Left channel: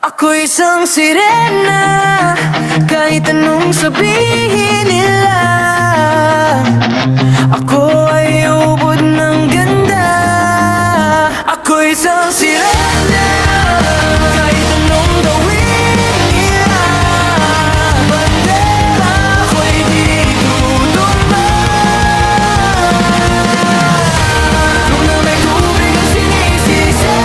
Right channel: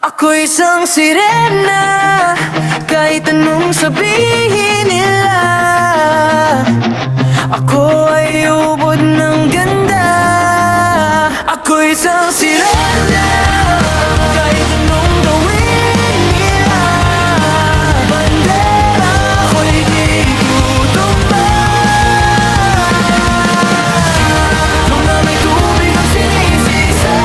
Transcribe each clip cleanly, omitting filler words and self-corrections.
Ako'y isang sirena, kahit anong sabihin nila. Ako ay ubod ng ganda. Ako'y isang sirena, kahit anong gawin nila. Bandera ko'y di tutumba. Nung na may tubig ang sinisisi,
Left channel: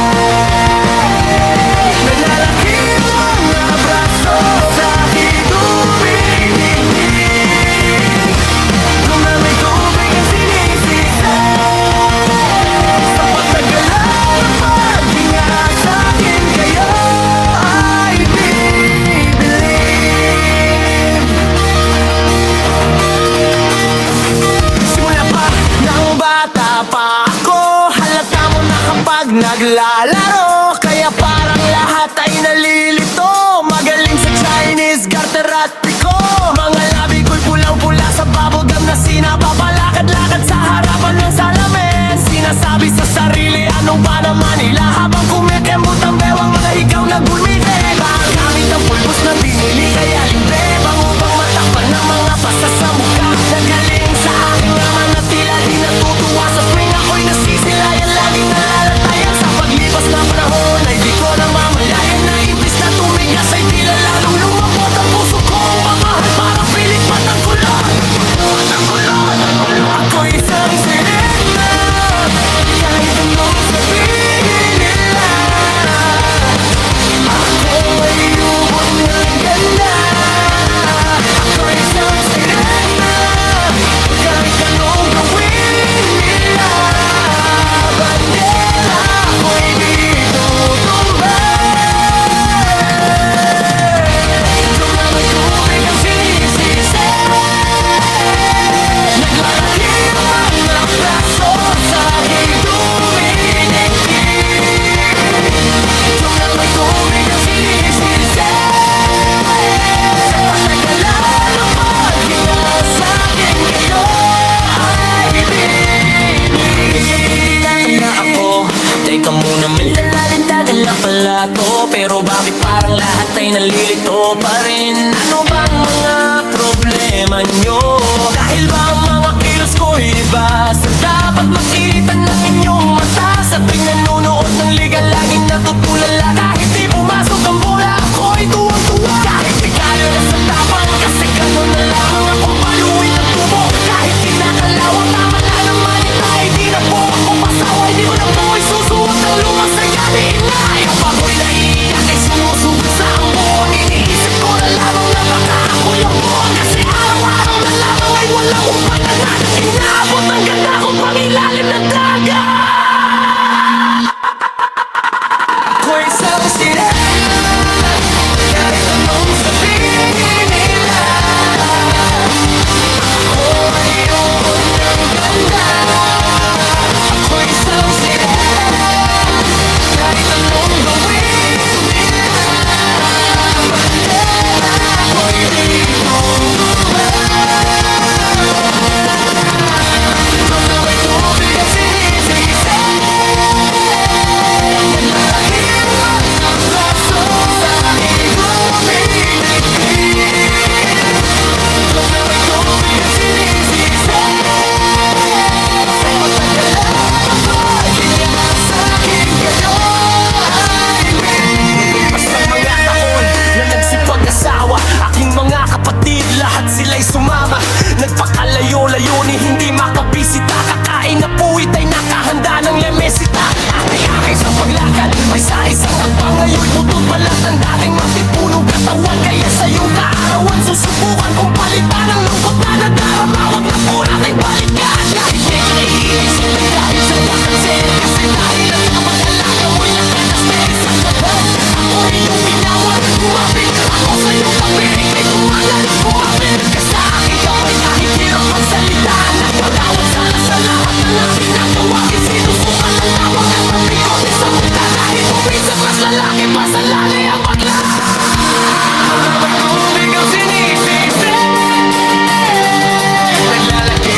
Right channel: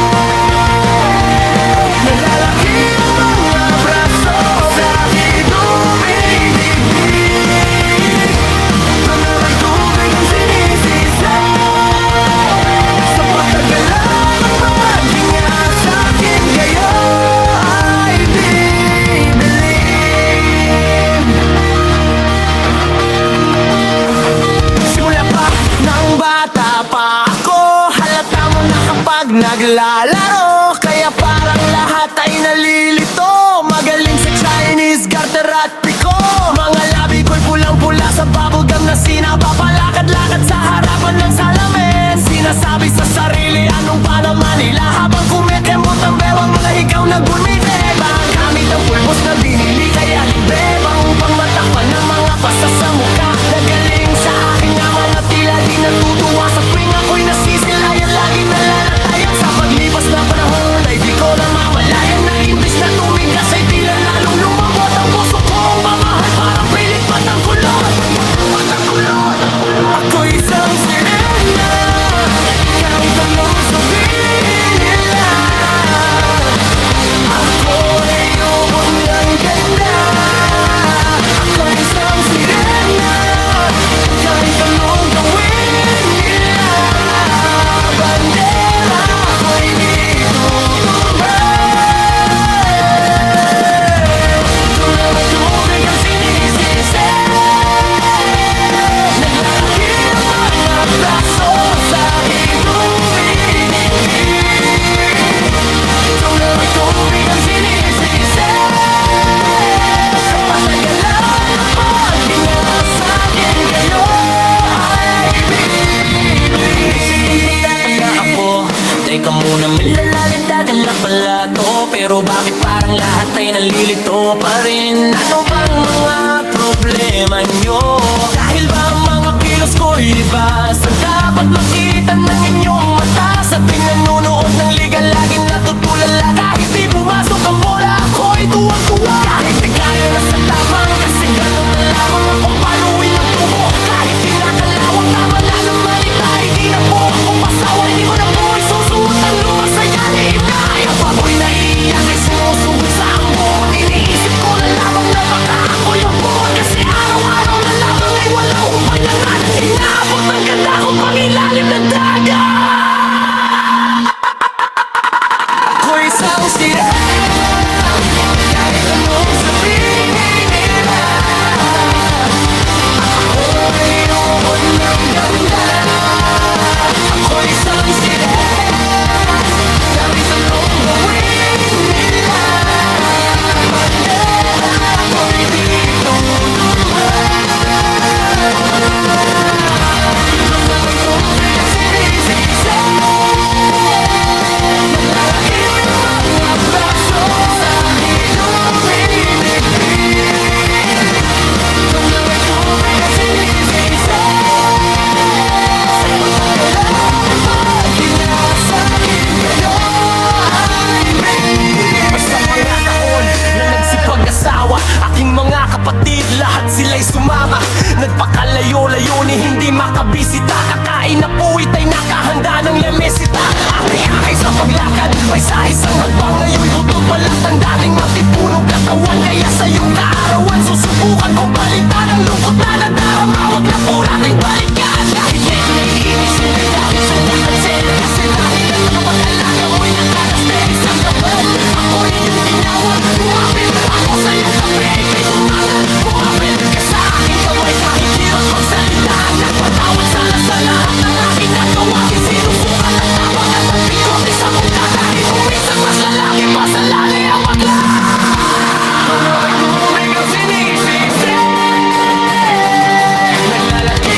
naglalaki ang mga braso sa aking dumidikdik. Nung na may tubig ang sinisisi, sa patagalan ng paghinga sa akin kayo ay bibilib. Simula pa nang bata pa ako, halata mo na kapag naglalaro. Kaya parang lahat ay nalilito, magaling sa Chinese, garter at piko. Mga labi ko'y pulang-pula sa bubblegum na sinapapalakad-lakad sa harapan ng salamin. Sinasabi sa sarili anong pa naman nila, habang kumikembot ang bewang mga hikaw na gumigibang. Gamit ang pulbos na binili kaya limbebang, upang matakpan ng mga pasa sa mukha. Nagaling sa aking ama na tila di natutuwa sa tuwing ako'y nasisilayan, laging nalalatayan. Sa paglipas ng panahon ay di ko namamalayan na imbis na tumigas ay tila lalong lumabot ang puso kong mamahal, parang pilik matang kulot. Ako'y isang sirena, kahit anong sabihin nila. Ako ay ubod ng ganda. Ako'y isang sirena, kahit anong gawin nila. Bandera ko'y di tutumba. Nung na may tubig ang sinisisi, naglalaki ang mga braso sa aking dumidikdik. Nung na may tubig ang sinisisi, sa patagalan ng paghinga sa akin kayo ay bibiglig. Na ako, teka muna, malalalindagan na pala to. Pero bakit parang lahat ay nalilito pa rin? Ano bang mga problema nyo? Dahil ba ang mga kilos ko'y iba sa dapat makita ng inyong mata? Sa tuwing nanonood ng liga laging natutulala, kahit di pumasok ang bola ako'y tuwang-tuwa. Kahit tigayo na sa tapang, kasi gano'n na lamang akong paluin ng tubo. Kahit kinakalawang tama na naman itay, di na po ako pasaway, di ko na po isusuot ang lumang saya ni inay. Kapag ako'y naiiyak ay sumusugod sa ambon, iniisip ko na lamang na baka ako yung bon. Kasi araw-araw na lamang ay walang humpay na natin, inaabot ng ganda ko pang ilalim ng dagat. Ako'y isang sirena, kahit anong sabihin nila. Ako ay ubod ng ganda. Ako'y isang sirena, kahit anong gawin nila. Bandera ko'y di tutumba. Nung na may tubig ang sinisisi, naglalaki ang mga braso sa aking dumidikdik. Nung na may tubig ang sinisisi, sa patagalan ng paghinga sa akin kayo ay bibig. Sa mga taon na nagsipag-asawa, aking mga kapatid, lahat sila'y sumama. Nagpakalayo-layo ni hindi makabisita, kakain na puwit ay nakahanda ng lamesita. Aki-aki sa paglakad, may sa isang hagbang, ngayon'y butot balat ang dating matipunong katawan. Kaya sa iyong kaarawan, susubukan kong palitan ang lungkot na nadarama. Huwag na po nating balikan, kahit medyo naiinis, hindi dahil sa nagkakanser, kasi dahilan sa kapag-alaga mo'y nakanaster sa gaban. Ako iyong tinawag, umapit ako sa iyong tabi, kay tumangan, umapit ka sa aking kamay. Kahit hirap magsalita, nagpatawad sana sa lahat ng aking nagawa. Di sinusukat ang tapang at ang bigote sa mukha, dahil kung minsan mas lalaki pa sa lali ang bakla. Kung na may tubig ang sinisisi, naglalaki